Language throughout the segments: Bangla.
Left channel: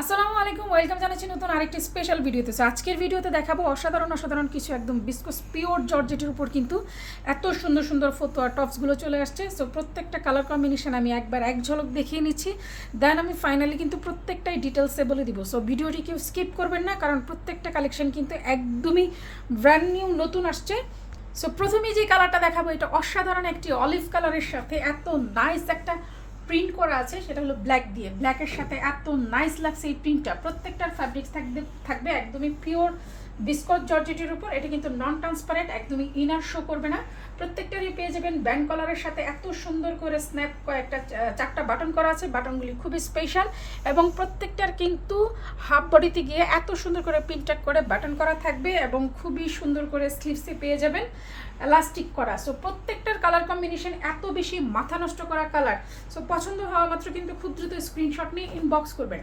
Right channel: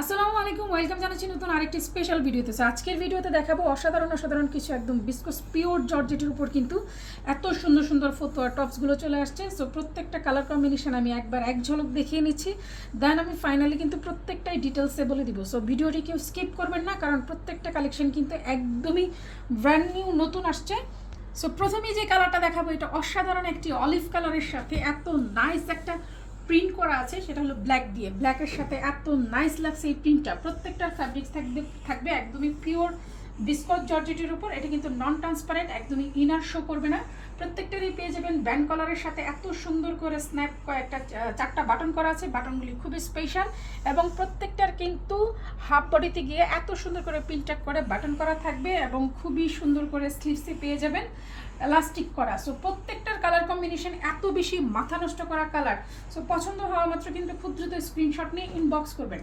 আসসালামু আলাইকুম, ওয়েলকাম জানাচ্ছি নতুন আরেকটি স্পেশাল ভিডিওতে। আজকের ভিডিওতে দেখাবো অসাধারণ কিছু একদম বিস্কস পিওর জর্জেটের উপর কিন্তু এত সুন্দর সুন্দর ফতুয়া টপসগুলো চলে আসছে। সো প্রত্যেকটা কালার কম্বিনেশন আমি একবার এক ঝলক দেখিয়ে নিচ্ছি, দেন আমি ফাইনালি কিন্তু প্রত্যেকটাই ডিটেলসে বলে দিব। সো ভিডিওটি কেউ স্কিপ করবেন না, কারণ প্রত্যেকটা কালেকশন কিন্তু একদমই ব্র্যান্ড নিউ নতুন আসছে। সো প্রথমেই যে কালারটা দেখাবো, এটা অসাধারণ একটি অলিভ কালারের সাথে এত নাইস একটা প্রিন্ট করা আছে, সেটা হলো ব্ল্যাক দিয়ে। ব্ল্যাকের সাথে এত নাইস লাগছে এই প্রিন্টটা। প্রত্যেকটার ফ্যাব্রিক্স থাকবে একদমই পিওর বিস্কট জর্জেটের উপর। এটা কিন্তু নন ট্রান্সপারেন্ট, একদমই ইনার শো করবে না। প্রত্যেকটারই পেয়ে যাবেন ব্যান্ড কলারের সাথে এত সুন্দর করে স্ন্যাপ কয়েকটা চারটা বাটন করা আছে। বাটনগুলি খুবই স্পেশাল এবং প্রত্যেকটার কিন্তু হাফ বডিতে গিয়ে এত সুন্দর করে প্রিন্টেড করে বাটন করা থাকবে এবং খুবই সুন্দর করে স্লিভসে পেয়ে যাবেন এলাস্টিক করা। সো প্রত্যেকটার কালার কম্বিনেশন এত বেশি মাথা নষ্ট করা কালার। সো পছন্দ হওয়া মাত্র কিন্তু খুব দ্রুত স্ক্রিনশট নিয়ে ইনবক্স করবেন।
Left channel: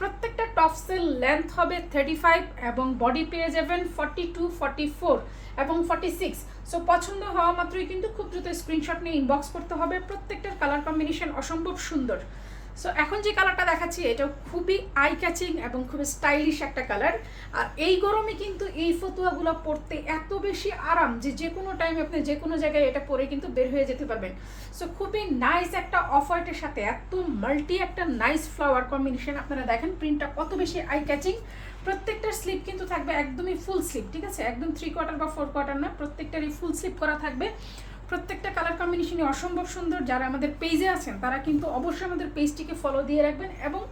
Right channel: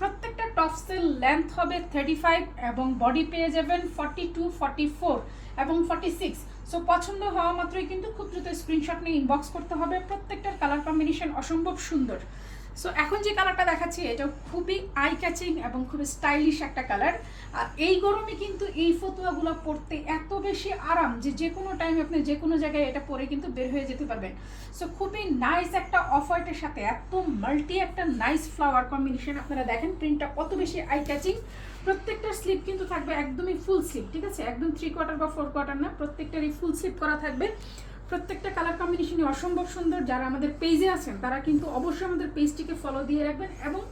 প্রত্যেকটা টপসের লেন্থ হবে 35 এবং বডি পেয়ে যাবেন 42, 44 এবং 46। সো পছন্দ হওয়া মাত্রই কিন্তু খুব দ্রুত স্ক্রিনশট নিয়ে ইনবক্স করতে হবে। প্রত্যেকটার কালার কম্বিনেশন অসম্ভব সুন্দর। সো এখন যে কালারটা দেখাচ্ছি, এটা খুবই আই ক্যাচিং এবং খুবই স্টাইলিশ একটা কালার। আর এই গরমে কিন্তু এই ফতুয়াগুলো পরতে এত বেশি আরাম যে কোনো টাইমে আপনি যে কোনো জায়গায় এটা পরে কিন্তু বের হয়ে যেতে পারবেন। সো খুবই নাইস একটা অফ হোয়াইটের সাথে এত মাল্টি একটা নাইস ফ্লাওয়ার কম্বিনেশন। আপনারা দেখেন প্রিন্টটা কত বেশি আই ক্যাচিং। প্রত্যেকটার স্লিপ কিন্তু থাকবে একদমই ফুল স্লিপ, ঠিক আছে? একদম 3/4 বা 4/4 না, প্রত্যেকটারই ফুল স্লিপ করা থাকবে। প্রত্যেকটা কালার কম্বিনেশনই অসম্ভব সুন্দর। যারা আমাদের পেজে আছেন তারা কিন্তু অবশ্যই আমাদের পেজটিকে ফলো দিয়ে রাখবেন এবং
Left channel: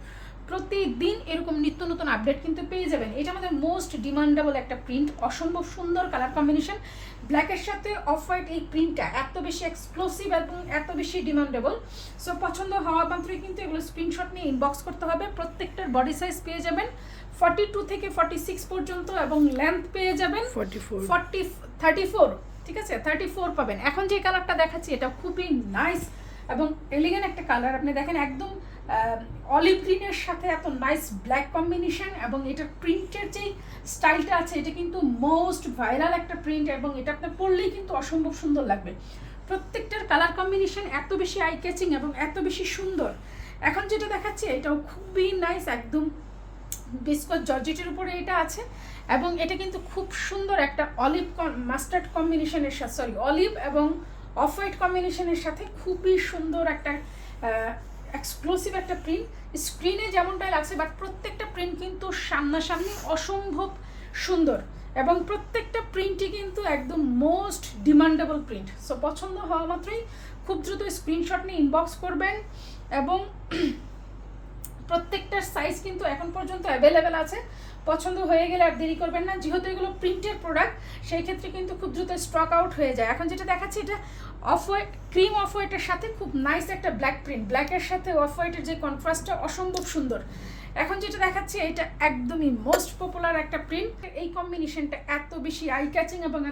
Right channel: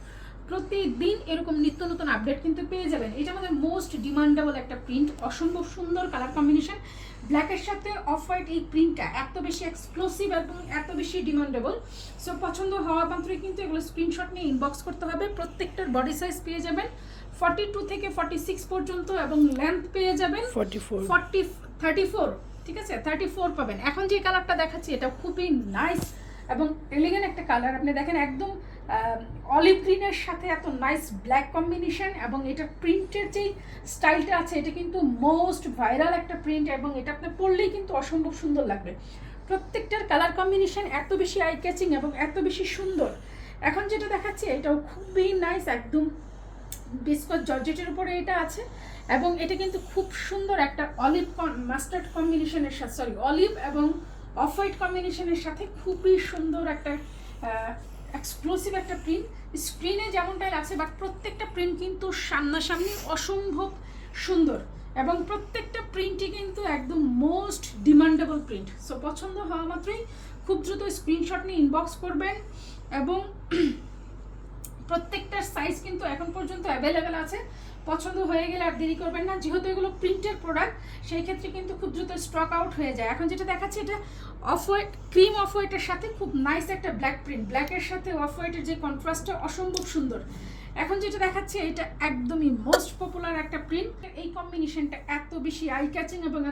প্রতিদিন এরকম নিত্য নতুন আপডেট কিন্তু পেয়ে যাবেন। এটা আমাদের মোস্ট ডিমান্ডেবল একটা প্রিন্ট, অসম্ভব সুন্দর কালার কম্বিনেশন। ব্ল্যাকের সাথে অফ হোয়াইট এই প্রিন্টটা এত বেশি এক্সক্লুসিভ এবং এত বেশি ডিমান্ডেবল। সো পছন্দ হওয়া মাত্রই কিন্তু এগুলো স্ক্রিনশট নিয়ে ইনবক্স করতে হবে। প্রত্যেকটার বডি সাইজ পেয়ে যাবেন 42 থেকে 46 পর্যন্ত এবং লেন্থ পেয়ে যাবেন 34, ঠিক আছে? 34 পাবেন। এখন যে কালারটা দেখাচ্ছি এটা খুবই নাইস এবং এলিগেন্ট একটা কালার। আপনি দেখেন একদম অলিভ গ্রিনের সাথে এত নাইস ব্ল্যাক কম্বিনেশন এবং এটা প্রিন্টের যে স্টাইলটা আছে এটা কিন্তু মোস্ট ভাইরাল একটা প্রিন্ট এবং এটা আপনি পরলেই কিন্তু অসম্ভব সুন্দর লাগবে। প্রত্যেকটার কালার কম্বিনেশন এত বেশি আই ক্যাচিং এবং এত বেশি সুন্দর। এখন যেটা দেখাচ্ছি এটাও খুবই নাইস, একদম বিস্কট জর্জেটের উপরে এটা আছে এবং এটা কিন্তু খুব সুন্দর একটা অলিভ মাস্টার্ড কম্বিনেশনের সাথে, সরি অলিভ এবং অফ হোয়াইট কম্বিনেশনের সাথে খুবই সুন্দর একটা এক্সক্লুসিভ একটা প্রিন্ট। স্ক্রিনে যেমনটাই লাগছে বাট প্রত্যেকটা প্রিন্ট কিন্তু সামনাসামনি অসম্ভব সুন্দর এবং প্রত্যেকটা প্রিন্টই কিন্তু একদম মোস্ট ডিমান্ডেবল প্রিন্ট। সো পছন্দ হওয়া মাত্রই খুব দ্রুত স্ক্রিনশট নিয়ে ইনবক্স করবেন এবং প্রত্যেকটার সাইজ কিন্তু এখন পর্যন্ত অ্যাভেলেবেল আছে। পছন্দ হয়ে গেলে আর দেরি করবেন না, যেহেতু এগুলো প্রিন্টের প্রোডাক্ট সেই ক্ষেত্রে কিন্তু খুব দ্রুত স্টক আউট হয়ে যায়। এখন যেটা দেখাচ্ছি এটা অফ হোয়াইট, ক্রিম অফ হোয়াইটের সাথে খুব নাইস একটা ব্ল্যাক প্রিন্ট। ব্ল্যাকের সাথে অফ হোয়াইটের যে কন্ট্রাস্টটা অসম্ভব সুন্দর। এখন যেটা দেখাচ্ছি এটা একদমই মোস্ট পপুলার একটা প্রিন্ট। এই কম্বিনেশনটা এত বেশি আই ক্যাচিং এবং